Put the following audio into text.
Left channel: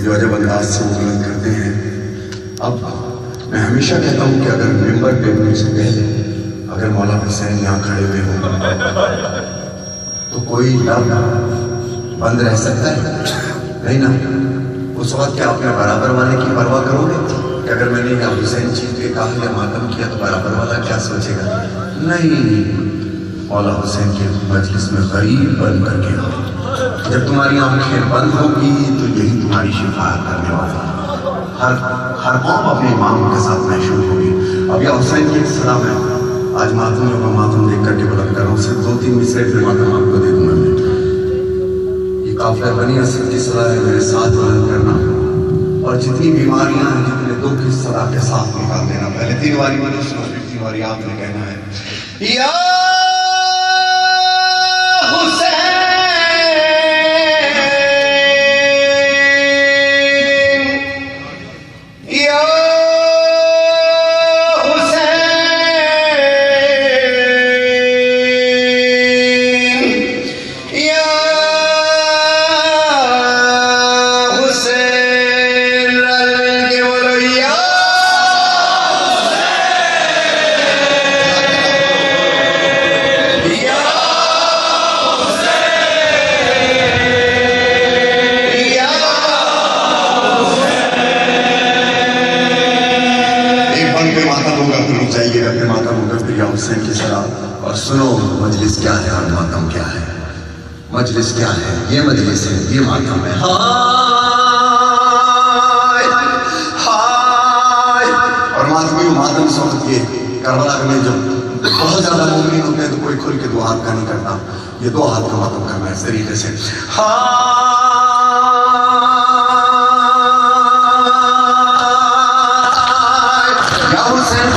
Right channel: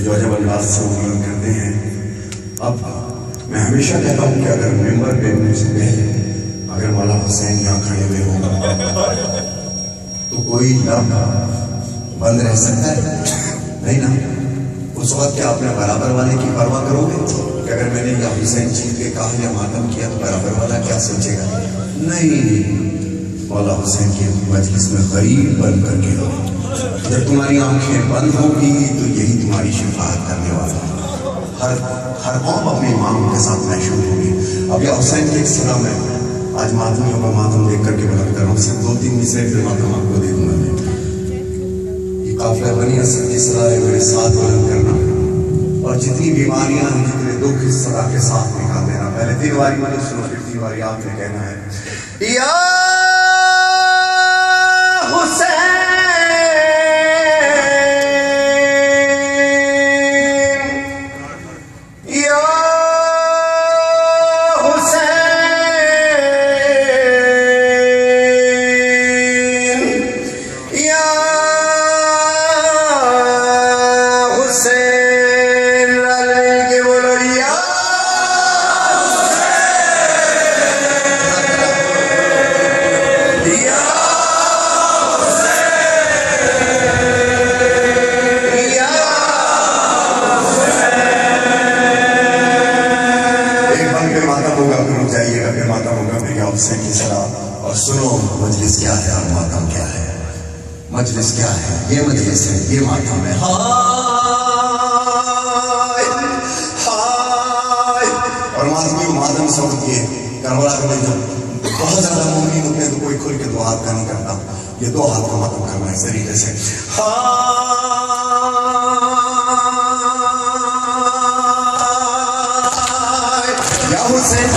یہ جو عجب انداز سے بلند کرتے ہیں. اب میں ہمیشہ کہتا ہوں کہ اگر ممبر پہ مجھ سے پہلے اگر مولا حسین یہاں کھڑے ہوئے ہوں تو کوئی لب بند رہ سکتا ہے؟ نہیں نا. اس وقت کیا آپ نے برابر والے کی پرواہ کرو گے کہ اگر میں نے یا حسین چیز کے کہا یا ماتم کیا تو برابر والا کیا سوچے گا؟ نہیں. مولا حسین کے مجلس میں غریب بن کر کے رہو. جب تمہاری آنکھیں بند ہوگی تو یہی تمہاری شفاعت کرنے والا. ہر قوم اپنے امام کے ساتھ محشور ہوگی. اب یا حسین کی ایک صدا میں آج ماتمیوں کا ماتم دیکھ کر کے بلند کر رہا ہوں. صرف 2-3 مصرے پھر ماتم آپ کو دے دوں گا. یہ قافلہ بنی اسد کی صدا ہے میرے ساتھ بلند کرنا, اور جتنی بیماریاں ہیں جتنے دکھ اس صدا کے ساتھ نکال دینا. پہلے 3 باری مجھے سنو, پھر 3 باری آپ نے کہنا ہے یا حسین حسین کی صدا. اور سنو مجلس کیا ہے اور ماتم کیا ہے. مجلس کیا ہے؟ یہ مجلس ہے, یہ ماتم ہے. اور ماتم سوچ کے کربلا میں جب بہت زیادہ مومنین ہوتے ہیں تو کوئی کھل کے 2 ہاتھ کا نہیں کرتا. یہ 2 ہاتھ کا ماتم کرنا ہے اس طریقے سے. یا حسین